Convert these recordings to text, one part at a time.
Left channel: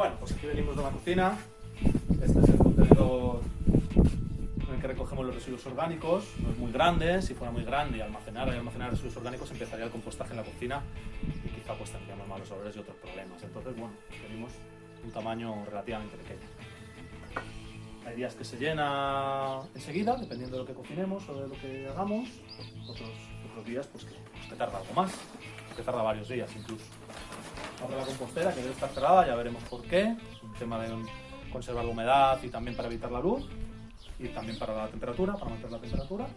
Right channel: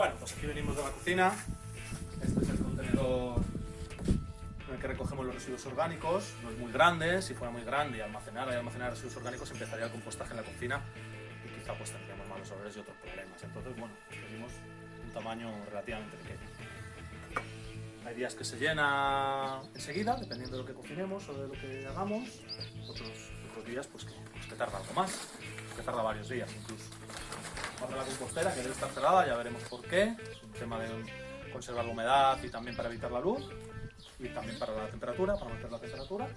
Bueno, pues aquí venimos de la cocina. Este es el contenedor en el que recogemos los residuos orgánicos. No es muy grande. Si fuera muy grande y almacenar residuos orgánicos, empezaría el compostaje en la cocina y quizá pues tendríamos malos olores y otros problemas. Entonces, bueno, venimos un tamaño relativamente pequeño. Hay días que se llena enseguida, dependiendo de lo que cocinemos o de lo que hagamos. Otros días pues que tarda algo más, que tarda varios días incluso. Abre la compostera, que debe estar cerrada, ya veremos por qué. Es un tema de conservar la humedad y también para evitar la luz. Y también para la temperatura, para mantener la temperatura.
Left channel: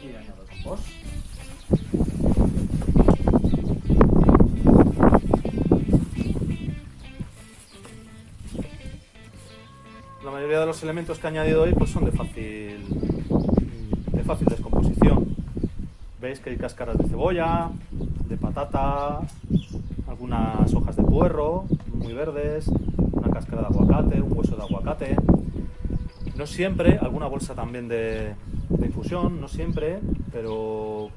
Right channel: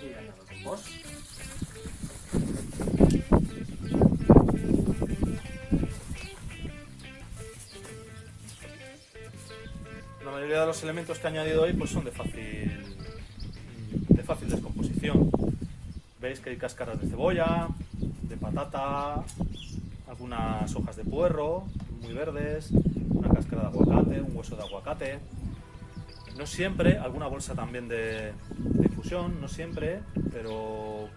Y añado el compost. La mayoría de los elementos que he añadido hoy pues son de fácil descomposición. Veis que hay cáscaras de cebolla, de patata, algunas hojas de puerro muy verdes, una cáscara de aguacate, un hueso de aguacate. No siempre, alguna bolsa también de infusión, no siempre, pero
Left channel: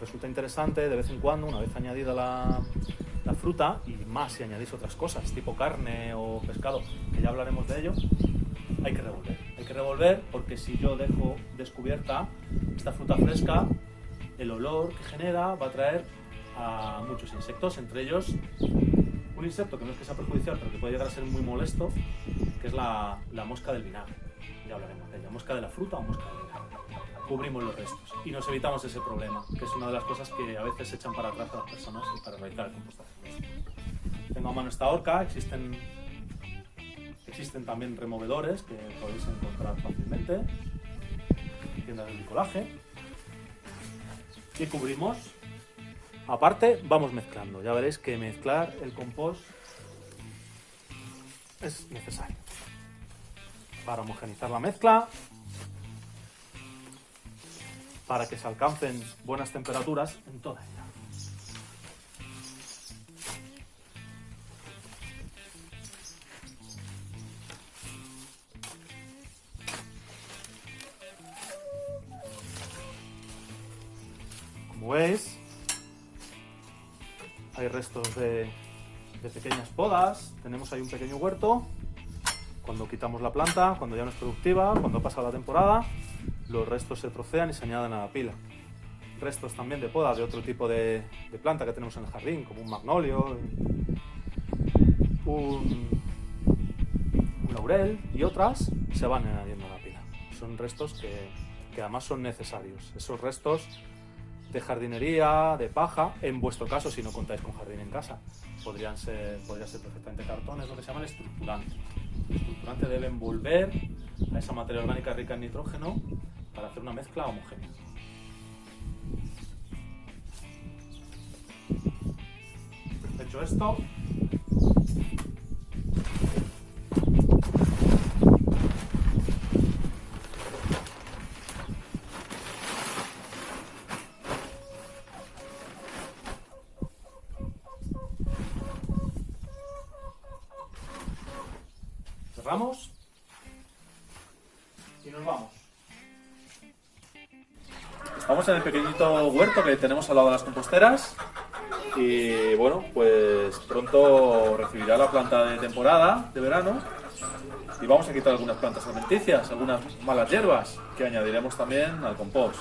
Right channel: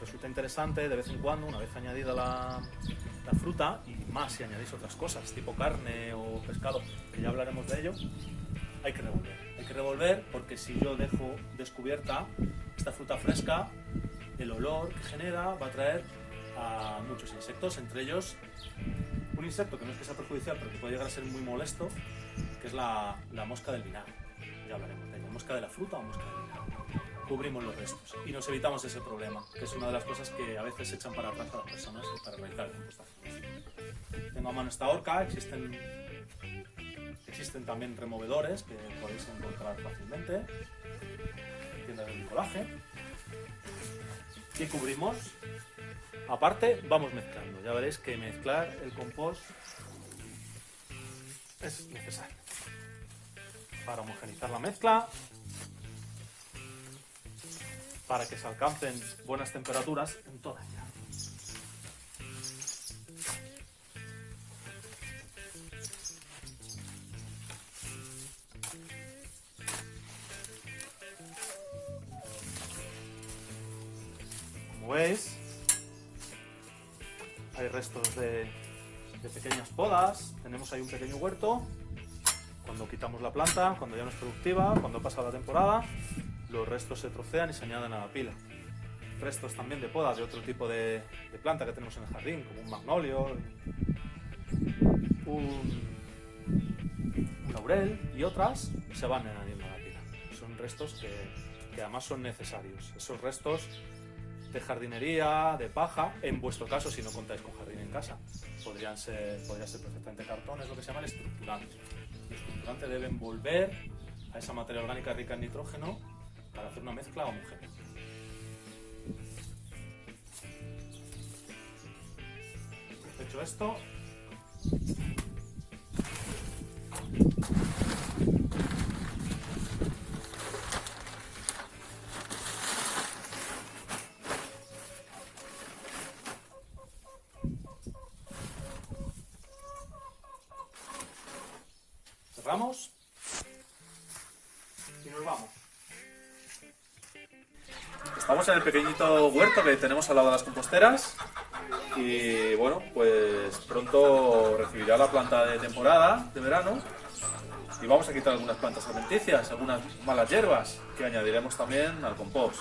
resulta interesante de vez en cuando, una vez añadida la fruta, y más si añadís otras cosas, tipo carne o pescado, que ya hablaremos de ello. Hay que revolver porque si yo dejo descubierta esta fruta fresca, el olor que genera va a atraer a muchos insectos, entre ellos un insecto que no es que sea perjudicial, pero que puede llegar a ser muy molesto, que es la mosca del vinagre. Ya hablaremos de ella, mosca de la fruta o mosca del vinagre. Cubrimos los restos y nos evitamos ese problema, que es una de las cosas que a veces se echan para atrás a las personas para realizar el compostaje. Tengo a mano esta horca, existen también removedores que podéis encontrar fácilmente en tiendas de bricolaje. Y cubrimos. Aparte, vamos mezclando. Ya veréis que mezclar el compost es necesario para homogeneizar la mezcla, para que se alcancen buenas temperaturas en toda ella. Como veis, hay restos de pequeñas podas. Tenemos ahí un pequeño huerto. Cuando quitamos la planta, cuando ya no es productiva, cuando ha pasado la temporada, los restos se trocean y se añaden a la pila. Restos también de podas de otro tipo de planta que tenemos en el jardín, como un magnolio, un laurel y otras, se van añadiendo a la pila. Son restos que además son necesarios. Esos restos de jardinería, de paja, en vuestro caso, si no contáis con jardín en casa, podría ser perfectamente cartón, es lo que se llama el estructurante. El estructurante debe envolver a esa materia orgánica rica en nitrógeno para hacer una mezcla homogénea. Hecho esto, cerramos y nos vamos. Estamos en el pequeñito huerto que tenemos al lado de las composteras y bueno, pues pronto recibirá la planta de temporada de verano y vamos a quitar algunas plantas alimenticias, algunas malas hierbas que añadiremos también al compost.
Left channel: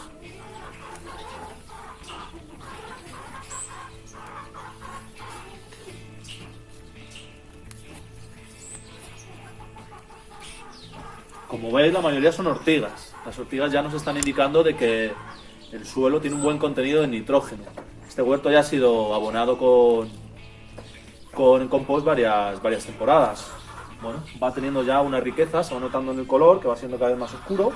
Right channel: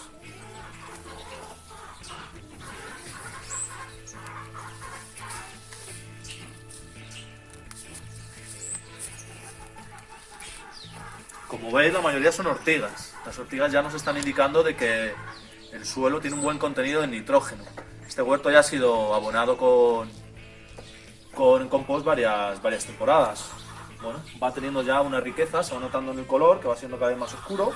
Como veis, la mayoría son ortigas. Las ortigas ya nos están indicando de que el suelo tiene un buen contenido de nitrógeno. Este huerto ya ha sido abonado con compost varias temporadas. Bueno, va teniendo ya una riqueza, se va notando en el color, que va siendo cada vez más oscuro.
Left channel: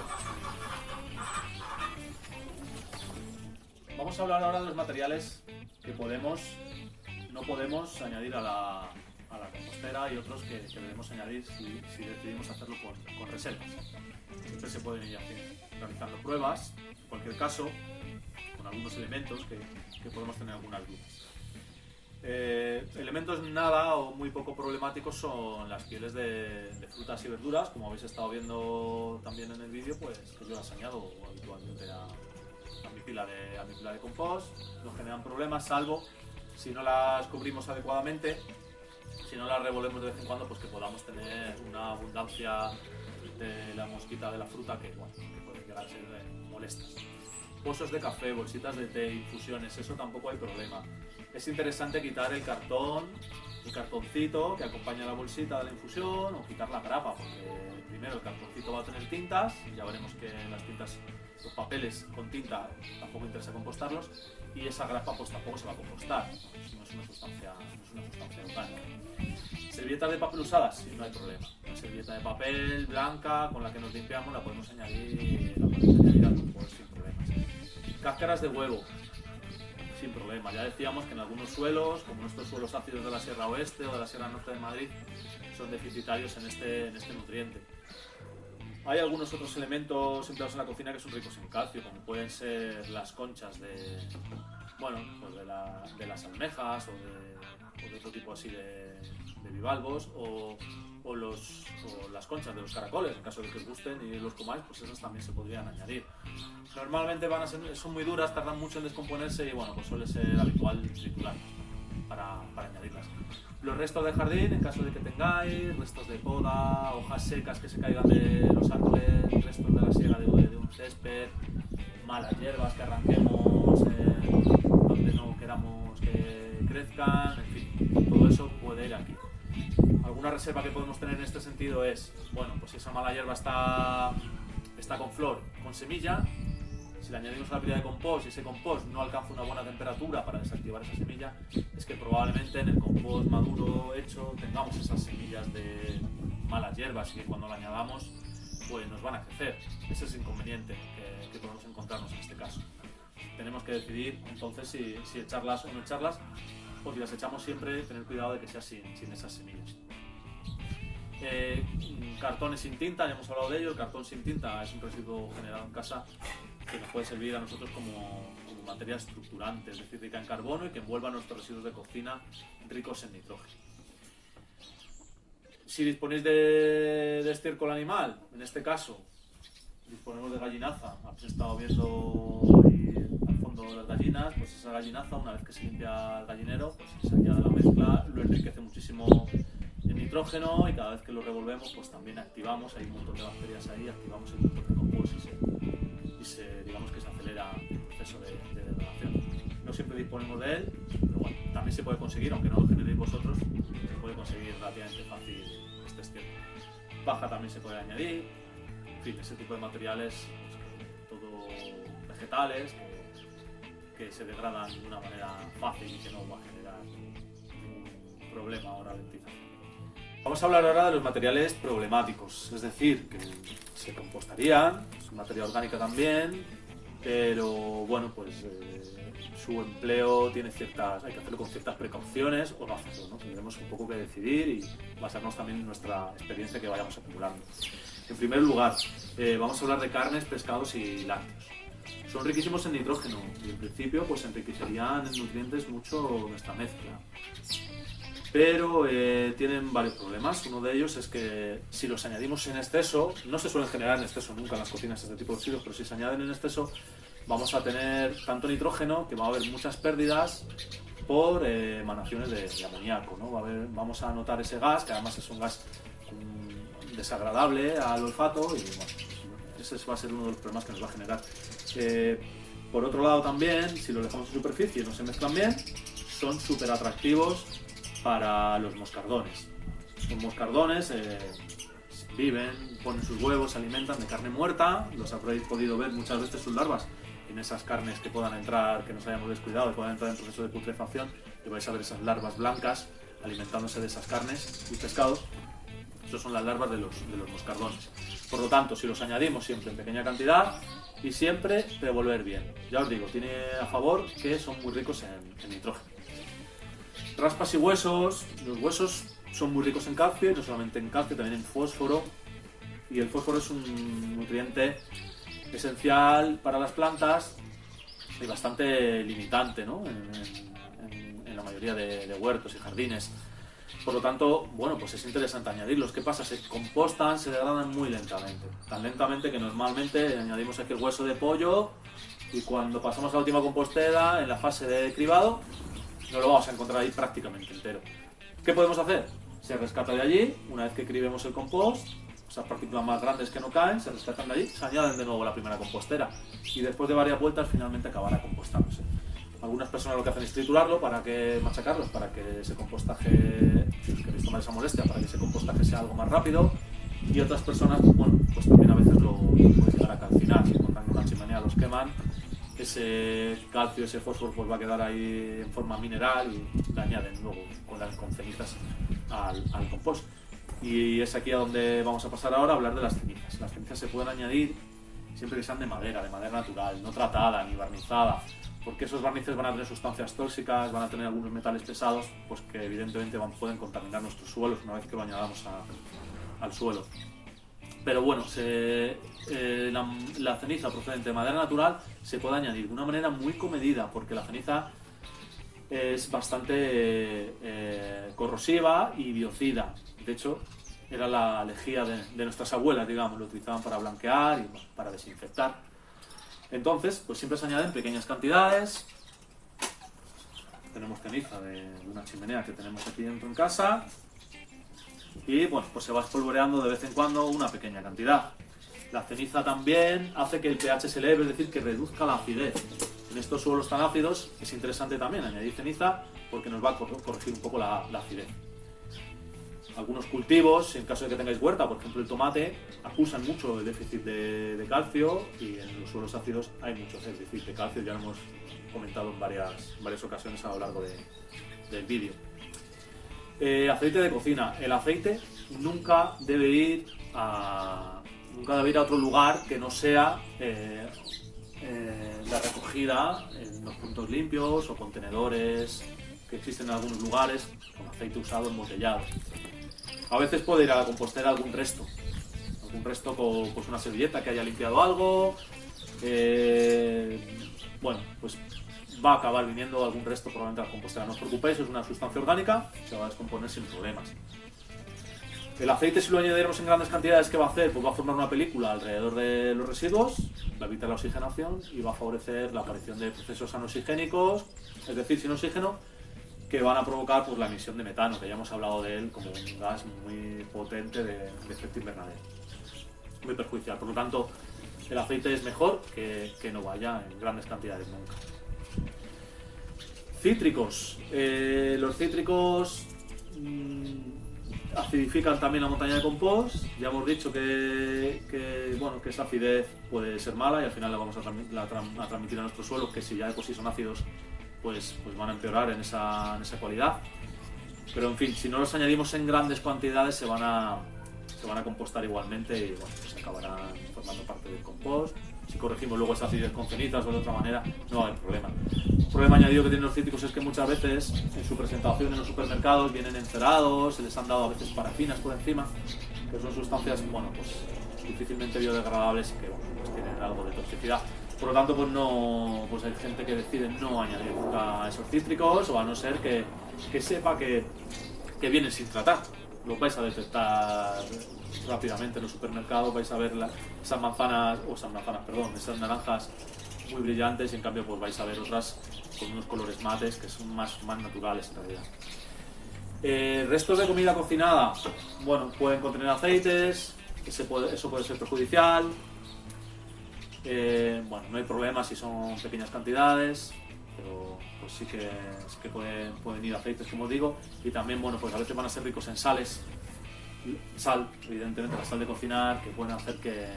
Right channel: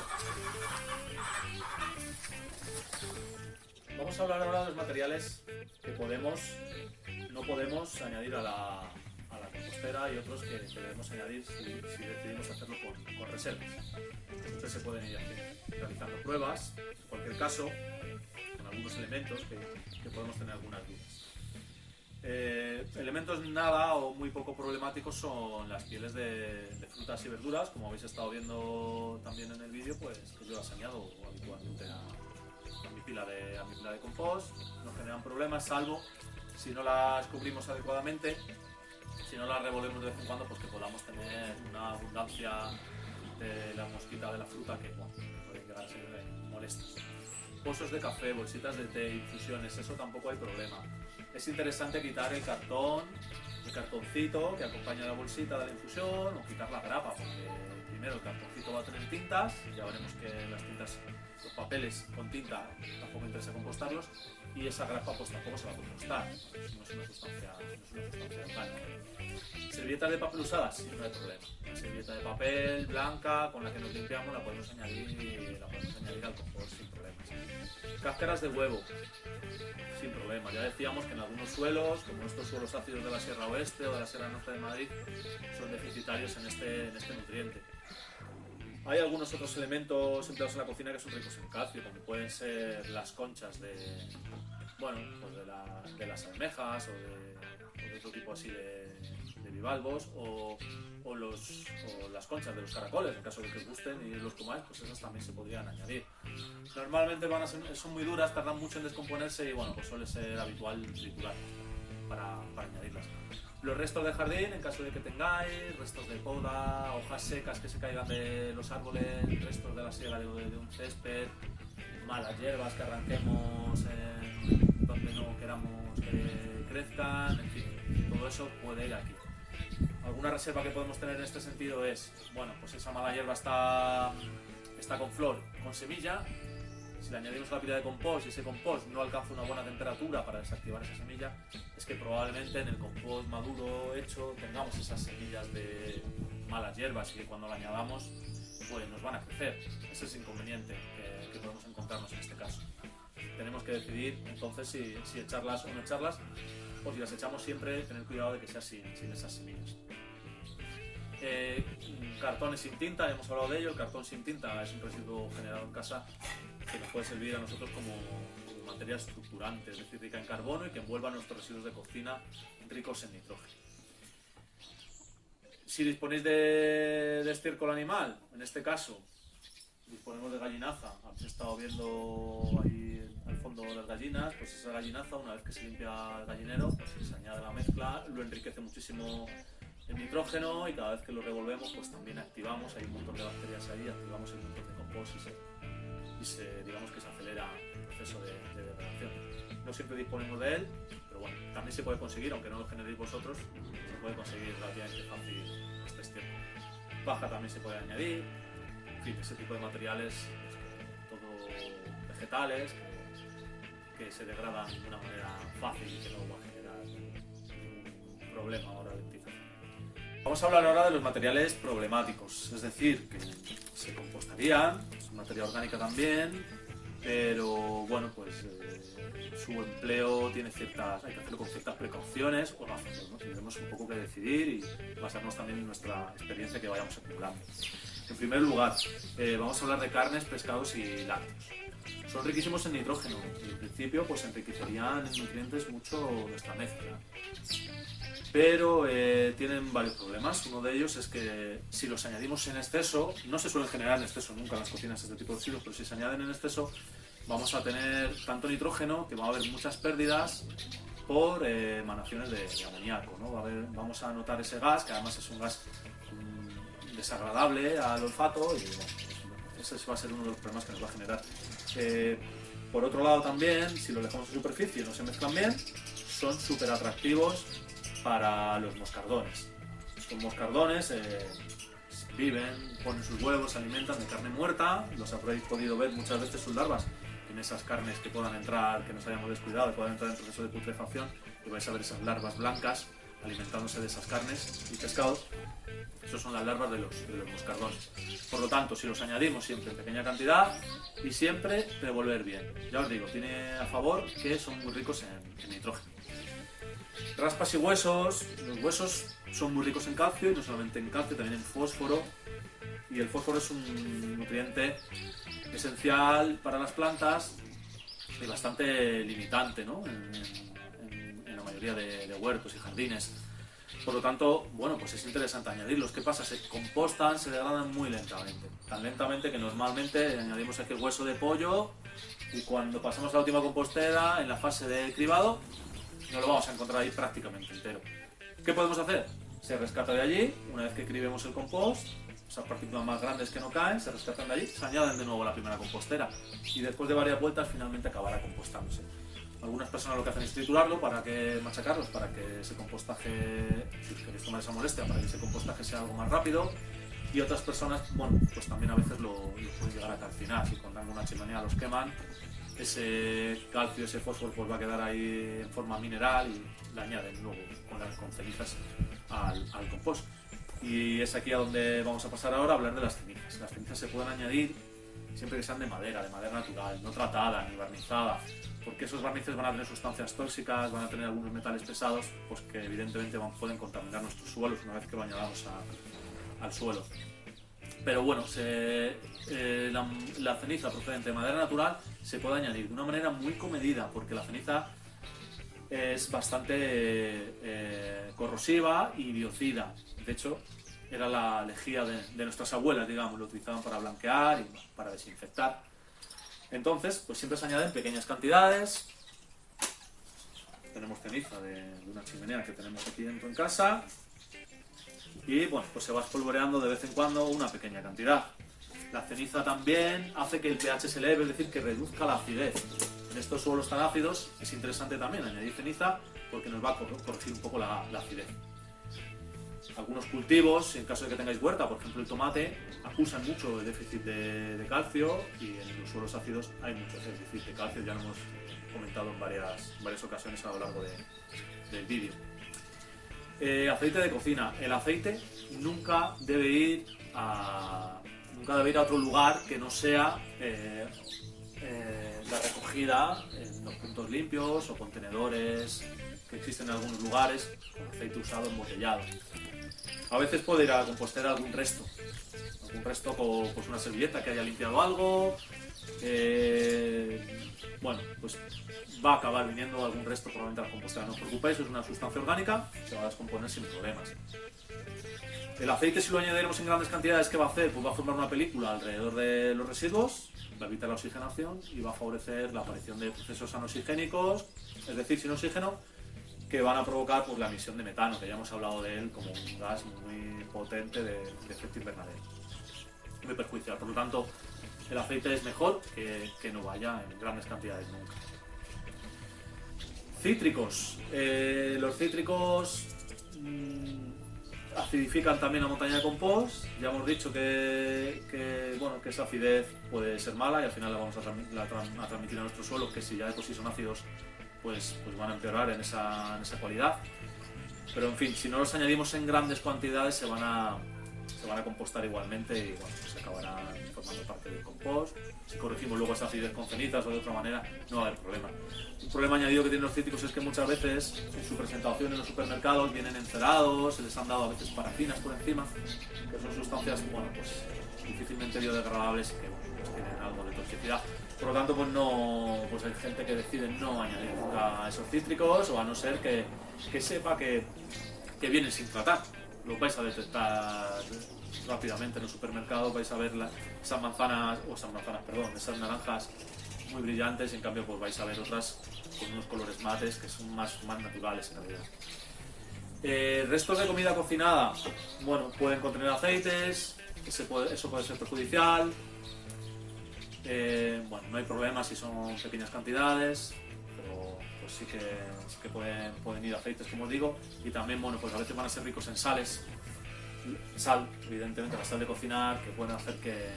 Vamos a hablar ahora de los materiales que no podemos añadir a la compostera y otros que debemos añadir si decidimos hacerlo con reservas. Entonces se pueden ir realizando pruebas, en cualquier caso, con algunos elementos que podemos tener algunas dudas. Elementos nada o muy poco problemáticos son las pieles de frutas y verduras, como habéis estado viendo también en el vídeo, pues que yo las añado habitualmente a mi pila de compost. No generan problemas, salvo si no las cubrimos adecuadamente, si no la revolvemos de vez en cuando, pues que podamos tener una abundancia de la mosquita de la fruta que, bueno, que pueden llegar a ser molestas. Pozos de café, bolsitas de té, infusiones, eso tampoco hay problema. Es interesante quitar el cartoncito que acompaña a la bolsita de la infusión, o quitar la grapa, porque primero el cartoncito va a tener tintas, ya veremos que las tintas, los papeles con tinta tampoco interesa compostarlos, y esa grapa pues tampoco se va a compostar, no es una sustancia orgánica. Servilletas de papel usadas, sí, no hay problema. Una servilleta de papel blanca con la que nos limpiamos la podemos añadir al compost sin problemas. Cáscaras de huevo, sin problema. Ya decíamos que en algunos suelos, como estos suelos ácidos de la Sierra Oeste o de la Sierra Norte de Madrid, son deficitarios en este nutriente. Hay algunos otros elementos empleados en la cocina que son ricos en calcio, como pueden ser las conchas de las almejas o de otro tipo así de bivalvos, o las conchas de los caracoles, en caso de que os gusten y los comáis, pues esas también se podrían añadir. Normalmente son muy duras, tardan mucho en descomponerse y bueno, pues suele ser habitual triturar para añadirlas. Los restos de jardín, en caso de que tengáis, restos de poda, hojas secas que se caigan de los árboles, restos de la siega de un césped, malas hierbas que arranquemos donde no queramos que crezcan, en fin, todo eso puede ir aquí. Alguna reserva que podemos tener en este sentido es, bueno, pues esa mala hierba está con flor, con semilla. Si le añadimos a la pila de compost y ese compost no alcanza una buena temperatura para desactivar esa semilla, es que probablemente en el compost maduro hecho tengamos esas semillas de malas hierbas y que cuando la añadamos pues nos van a crecer. Ese es el inconveniente que podemos encontrarnos en este caso. Tenemos que decidir entonces si echarlas o no echarlas, o si las echamos siempre tener cuidado de que sea sin esas semillas. Cartones sin tinta, ya hemos hablado de ello. El cartón sin tinta es un residuo generado en casa que nos puede servir a nosotros como materia estructurante, es decir, rica en carbono y que envuelva nuestros residuos de cocina ricos en nitrógeno. Si disponéis de estiércol animal, en este caso disponemos de gallinaza, habéis estado viendo ahí al fondo las gallinas, pues esa gallinaza, una vez que se limpia el gallinero, pues se añade la mezcla, lo enriquece muchísimo en nitrógeno y cada vez que lo revolvemos pues también activamos, hay un montón de bacterias ahí, activamos el motor de compost y digamos que se acelera el proceso de degradación. No siempre disponemos de él, pero bueno, también se puede conseguir, aunque no lo generéis vosotros, se puede conseguir relativamente fácil este estiércol. Paja también se puede añadir, en fin, ese tipo de materiales, pues, todo vegetales, que se degradan de una manera fácil y que no va a generar ningún problema ahora de utilización. Vamos a hablar ahora de los materiales problemáticos, es decir, que se compostarían, es materia orgánica también, pero bueno, pues su empleo hay que hacerlo con ciertas precauciones o no hacerlo, ¿no? Tendremos un poco que decidir y basarnos también en nuestra experiencia que vayamos acumulando. En primer lugar, vamos a hablar de carnes, pescados y lácteos. Son riquísimos en nitrógeno y en principio pues enriquecerían en nutrientes mucho nuestra mezcla. Pero tienen varios problemas. Uno de ellos es que si los añadimos en exceso, no se suelen generar en exceso nunca en las cocinas este tipo de residuos, pero si se añaden en exceso vamos a tener tanto nitrógeno que va a haber muchas pérdidas por emanaciones de amoníaco, ¿no? Vamos a notar ese gas, que además es un gas desagradable al olfato y bueno, ese va a ser uno de los problemas que nos va a generar. Por otro lado también, si los dejamos en superficie y no se mezclan bien, son súper atractivos para los moscardones. Los moscardones viven, ponen sus huevos, se alimentan de carne muerta, los habréis podido ver muchas veces sus larvas en esas carnes que puedan entrar, que nos hayamos descuidado, que puedan entrar en proceso de putrefacción, y vais a ver esas larvas blancas alimentándose de esas carnes y pescados. Esas son las larvas de los moscardones. Por lo tanto, si los añadimos siempre en pequeña cantidad y siempre revolver bien. Ya os digo, tiene a favor que son muy ricos en nitrógeno. Raspas y huesos. Los huesos son muy ricos en calcio y no solamente en calcio, también en fósforo. Y el fósforo es un nutriente esencial para las plantas y bastante limitante, ¿no? en la mayoría de huertos y jardines. Por lo tanto, bueno, pues es interesante añadirlos. ¿Qué pasa? Se compostan, se degradan muy lentamente. Tan lentamente que normalmente añadimos aquí el hueso de pollo y cuando pasamos a la última compostera, en la fase de cribado, no lo vamos a encontrar ahí prácticamente entero. ¿Qué podemos hacer? Se rescata de allí, una vez que cribemos el compost, esas partículas más grandes que no caen, se rescatan de allí, se añaden de nuevo a la primera compostera y después de varias vueltas finalmente acabará compostándose. Algunas personas lo que hacen es triturarlo para que machacarlos, para que ese compostaje, si os queréis tomar esa molestia, para que ese compostaje sea algo más rápido, y otras personas, bueno, pues también a veces lo pueden llegar a calcinar, si encuentran que una chimenea los queman, ese calcio, ese fósforo pues va a quedar ahí en forma mineral y le añaden luego con cenizas al compost. Y es aquí a donde vamos a pasar ahora a hablar de las cenizas. Las cenizas se pueden añadir siempre que sean de madera natural, no tratada ni barnizada, porque esos barnices van a tener sustancias tóxicas, van a tener algunos metales pesados, pues que evidentemente pueden contaminar nuestros suelos una vez que lo añadamos al suelo. Pero bueno, la ceniza procedente de madera natural se puede añadir de una manera muy comedida, porque la ceniza es bastante corrosiva y biocida. De hecho, era la lejía de nuestras abuelas, digamos, lo utilizaban para blanquear y para desinfectar. Entonces, pues siempre se añaden pequeñas cantidades. Tenemos ceniza de una chimenea que tenemos aquí dentro en casa. Y bueno, pues se va espolvoreando de vez en cuando una pequeña cantidad. La ceniza también hace que el pH se eleve, es decir, que reduzca la acidez. En estos suelos tan ácidos es interesante también añadir ceniza porque nos va a corregir un poco la acidez. Algunos cultivos, en caso de que tengáis huerta, por ejemplo el tomate, acusan mucho el déficit de calcio, y en los suelos ácidos hay mucho déficit de calcio, ya lo hemos comentado en varias ocasiones a lo largo del vídeo. Aceite de cocina. El aceite nunca debe ir a otro lugar que no sea la recogida en los puntos limpios o contenedores que existen en algunos lugares con aceite usado embotellado. A veces puede ir a la compostera algún resto con pues una servilleta que haya limpiado algo. Bueno, pues va a acabar viniendo algún resto probablemente a la compostera. No os preocupéis, es una sustancia orgánica, se va a descomponer sin problemas. El aceite, si lo añadiremos en grandes cantidades, ¿qué va a hacer? Pues va a formar una película alrededor de los residuos, va a evitar la oxigenación y va a favorecer la aparición de procesos anoxigénicos, es decir, sin oxígeno, que van a provocar pues, la emisión de metano, que ya hemos hablado de él como un gas muy potente de efecto invernadero, muy perjudicial. Por lo tanto, el aceite es mejor que no vaya en grandes cantidades nunca. Cítricos. Los cítricos acidifican también la montaña de compost. Ya hemos dicho que esa acidez puede ser mala y al final la vamos a transmitir a nuestros suelos, que si ya de por sí son ácidos, pues van a empeorar en esa cualidad. Pero en fin, si no los añadimos en grandes cantidades se van a compostar igualmente y bueno, pues acabarán formando parte del compost. Si corregimos luego esta acidez con cenizas o de otra manera, no va a haber problema. Un problema añadido que tienen los cítricos es que muchas veces en su presentación en los supermercados vienen encerados, se les han dado a veces parafinas por encima, que son sustancias, bueno, pues difícilmente biodegradables y que bueno, pues tienen algo de toxicidad. Por lo tanto, pues hay gente que decide no añadir nunca esos cítricos, o a no ser que sepa que vienen sin tratar. Lo vais a detectar rápidamente en los supermercados, vais a ver esas naranjas muy brillantes, y en cambio pues vais a ver otras con unos colores mates que son más naturales en realidad. Restos de comida cocinada, bueno, pueden contener aceites, eso puede ser perjudicial. Bueno, no hay problema si son pequeñas cantidades, pero pues sí que pueden ir aceites, como os digo, y también, bueno, pues a veces van a ser ricos en sales. Sal, evidentemente, la sal de cocinar, que pueden hacer que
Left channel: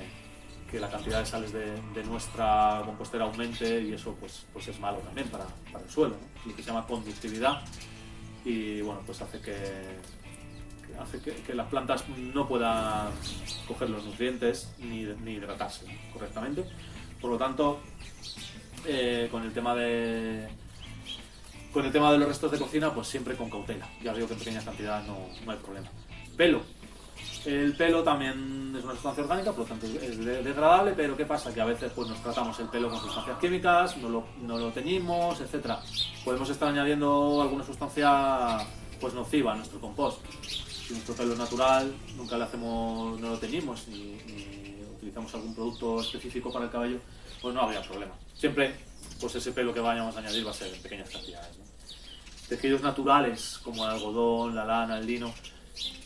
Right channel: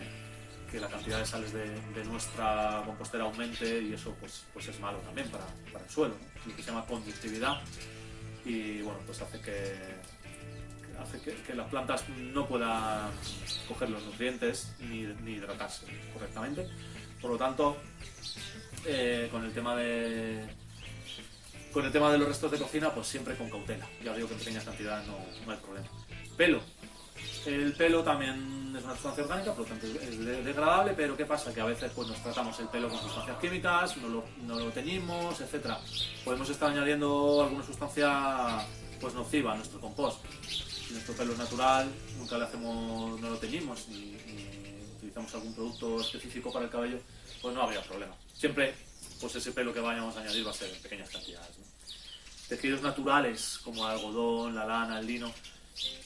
la cantidad de sales de nuestra compostera aumente, y eso pues es malo también para el suelo, ¿no? Lo que se llama conductividad, y bueno, pues hace que las plantas no puedan coger los nutrientes ni hidratarse correctamente. Por lo tanto, con el tema de los restos de cocina, pues siempre con cautela. Ya digo que en pequeñas cantidades no hay problema. Pelo. El pelo también es una sustancia orgánica, por lo tanto es degradable, pero ¿qué pasa? Que a veces pues, nos tratamos el pelo con sustancias químicas, no lo teñimos, etc. Podemos estar añadiendo alguna sustancia pues, nociva a nuestro compost. Si nuestro pelo es natural, nunca no lo teñimos ni utilizamos algún producto específico para el cabello, pues no habría problema. Siempre pues ese pelo que vayamos a añadir va a ser en pequeñas cantidades, ¿no? Tejidos naturales como el algodón, la lana, el lino,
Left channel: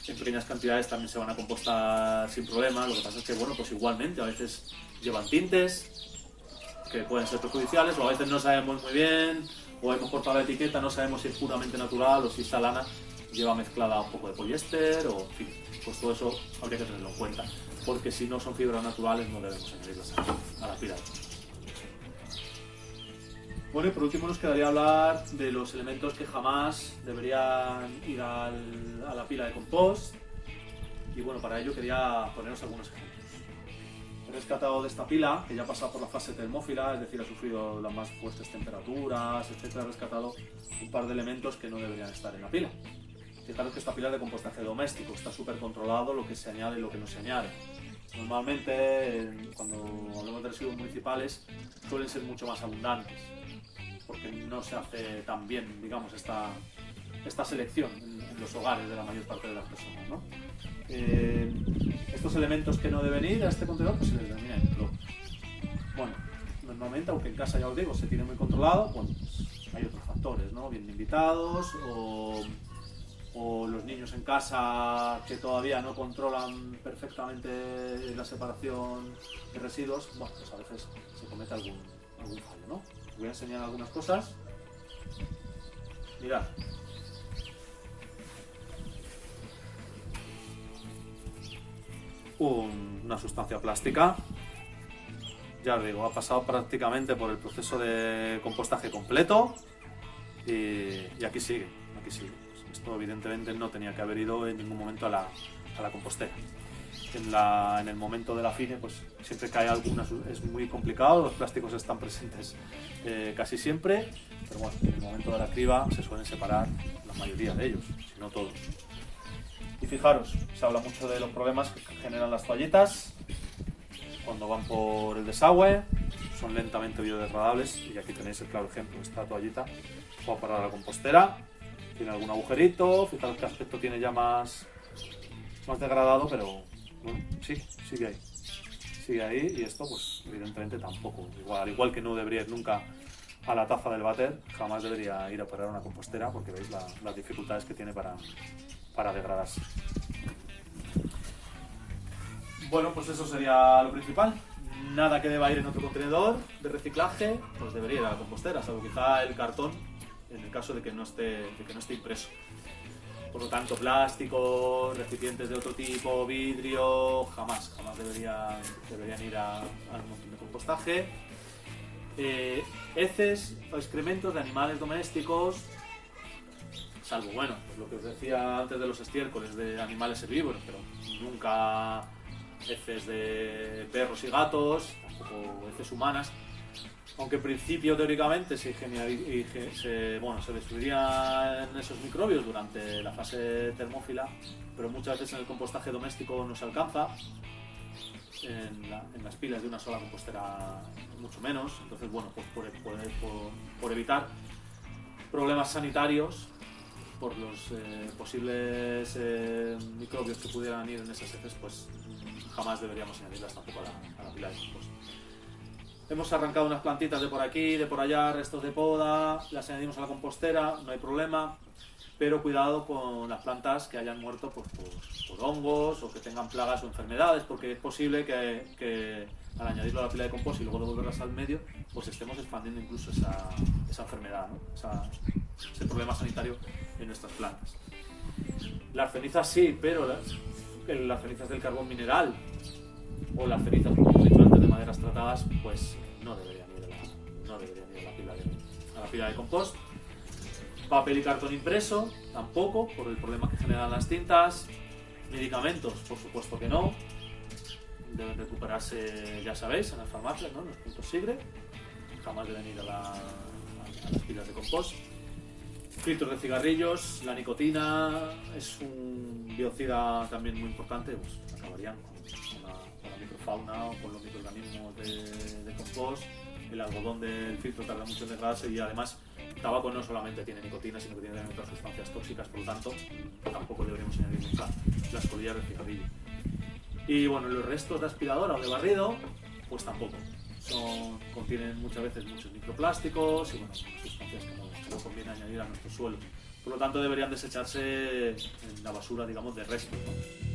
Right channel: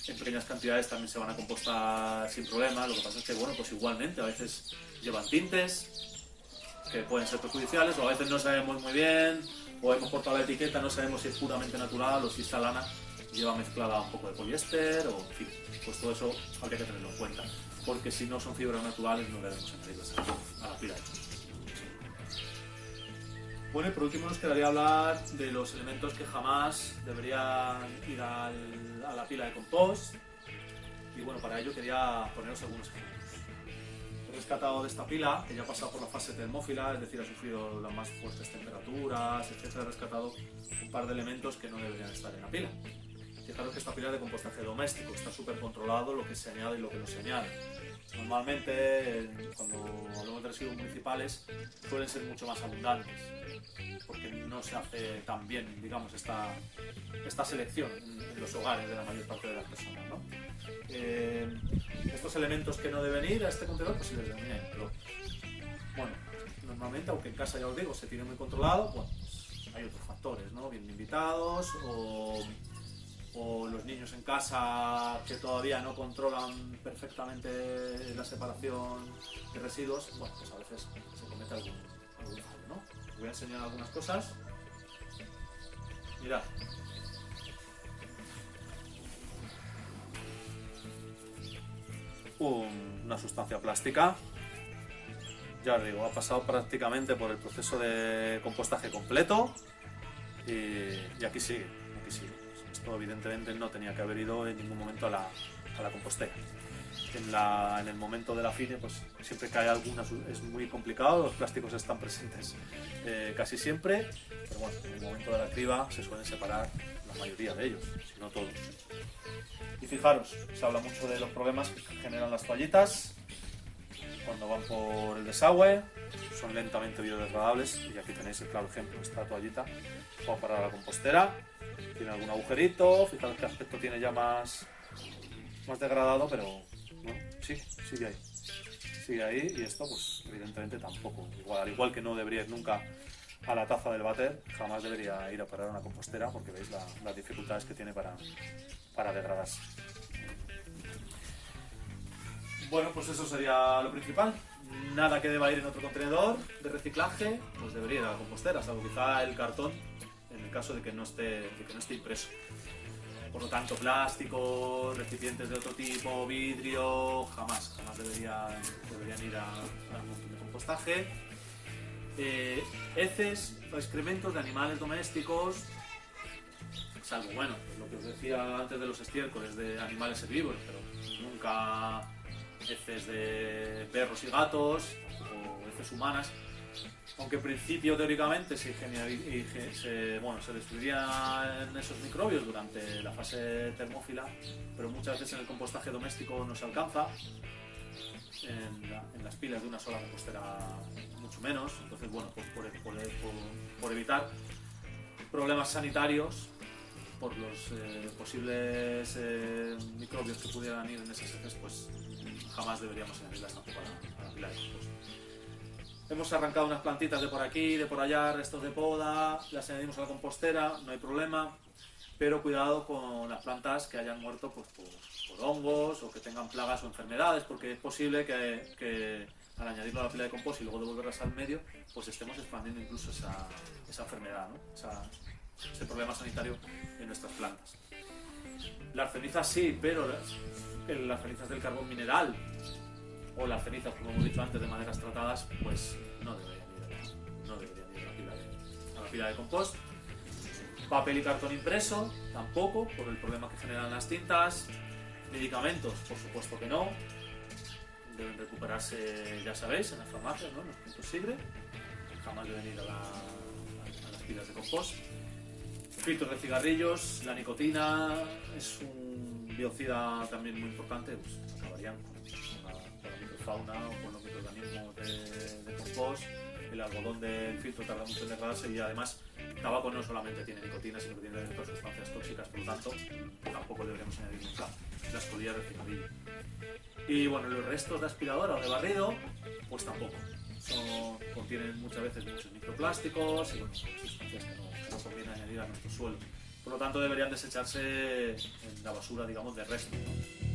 en pequeñas cantidades también se van a compostar sin problema. Lo que pasa es que, bueno, pues igualmente a veces llevan tintes que pueden ser perjudiciales, o a veces no sabemos muy bien, o hemos cortado la etiqueta, no sabemos si es puramente natural o si esta lana lleva mezclada un poco de poliéster, o en fin, pues todo eso habría que tenerlo en cuenta, porque si no son fibras naturales no debemos añadirlas a la pila. Bueno, y por último nos quedaría hablar de los elementos que jamás deberían ir a la pila de compost, y bueno, para ello quería poneros algunos ejemplos. He rescatado de esta pila, que ya ha pasado por la fase termófila, es decir, ha sufrido las más fuertes temperaturas, etc. He rescatado un par de elementos que no deberían estar en la pila. Fijaros que esta pila es de compostaje doméstico, está súper controlado lo que se añade y lo que no se añade. Normalmente, cuando hablamos de residuos municipales, suelen ser mucho más abundantes, porque no se hace tan bien, digamos, esta selección en los hogares de la mayor parte de las personas, ¿no? Estos elementos que no deben ir a este contenedor, pues se les denomina microbios. Bueno, normalmente, aunque en casa, ya os digo, se tiene muy controlado, bueno, pues hay otros factores, ¿no? Vienen invitados, o los niños en casa que todavía no controlan perfectamente la separación de residuos, bueno, pues a veces se comete algún fallo, ¿no? Os voy a enseñar algunas cosas. Mirad. Una sustancia plástica, ya os digo, ha pasado prácticamente por el proceso de compostaje completo y aquí sigue. Esto evidentemente no tenía que haber ido en ningún momento a la compostera. En el momento de la fine, pues siempre cae alguna, es muy complicado, los plásticos están presentes casi siempre, pero bueno, en el momento de la criba se suelen separar la mayoría de ellos, si no todos. Y fijaros, se habla mucho de los problemas que generan las toallitas cuando van por el desagüe, son lentamente biodegradables, y aquí tenéis el claro ejemplo. Esta toallita va a parar a la compostera, tiene algún agujerito, fijaros qué aspecto tiene ya más degradado, pero bueno, sí, sigue ahí, y esto pues evidentemente tampoco, al igual que no debería ir nunca a la taza del váter, jamás debería ir a parar a una compostera, porque veis las dificultades que tiene para degradarse. Bueno, pues eso sería lo principal. Nada que deba ir en otro contenedor de reciclaje, pues debería ir a la compostera, salvo quizá el cartón, en el caso de que no esté impreso. Por lo tanto, plásticos, recipientes de otro tipo, vidrio, jamás deberían ir al montón de compostaje. Heces o excrementos de animales domésticos, salvo, bueno, lo que os decía antes de los estiércoles de animales herbívoros, pero nunca heces de perros y gatos, tampoco heces humanas, aunque en principio teóricamente se destruirían esos microbios durante la fase termófila, pero muchas veces en el compostaje doméstico no se alcanza, en las pilas de una sola compostera mucho menos. Entonces, bueno, pues por evitar problemas sanitarios por los posibles microbios que pudieran ir en esas heces, pues jamás deberíamos añadirlas tampoco a la pila de compost. Hemos arrancado unas plantitas de por aquí, de por allá, restos de poda, las añadimos a la compostera, no hay problema, pero cuidado con las plantas que hayan muerto pues, por hongos o que tengan plagas o enfermedades, porque es posible que al añadirlo a la pila de compost y luego devolverlas al medio, pues estemos expandiendo incluso esa enfermedad, ¿no? Ese problema sanitario en nuestras plantas. Las cenizas sí, pero las cenizas del carbón mineral o las cenizas, como hemos dicho antes, de maderas tratadas, pues no deberían ir a la pila de compost. Papel y cartón impreso, tampoco, por el problema que generan las tintas. Medicamentos, por supuesto que no. Deben recuperarse, ya sabéis, en las farmacias, ¿no? En los puntos SIGRE. Jamás deben ir a las pilas de compost. Filtros de cigarrillos, la nicotina es un biocida también muy importante, pues acabarían con la microfauna o con los microorganismos de compost. El algodón del filtro tarda mucho en degradarse y además el tabaco no solamente tiene nicotina, sino que tiene también otras sustancias tóxicas, por lo tanto tampoco deberíamos añadir nunca las colillas de cigarrillo. Y bueno, los restos de aspiradora o de barrido, pues tampoco. Contienen muchas veces muchos microplásticos y bueno, sustancias que no tampoco conviene añadir a nuestro suelo. Por lo tanto, deberían desecharse en la basura, digamos, de restos, ¿no?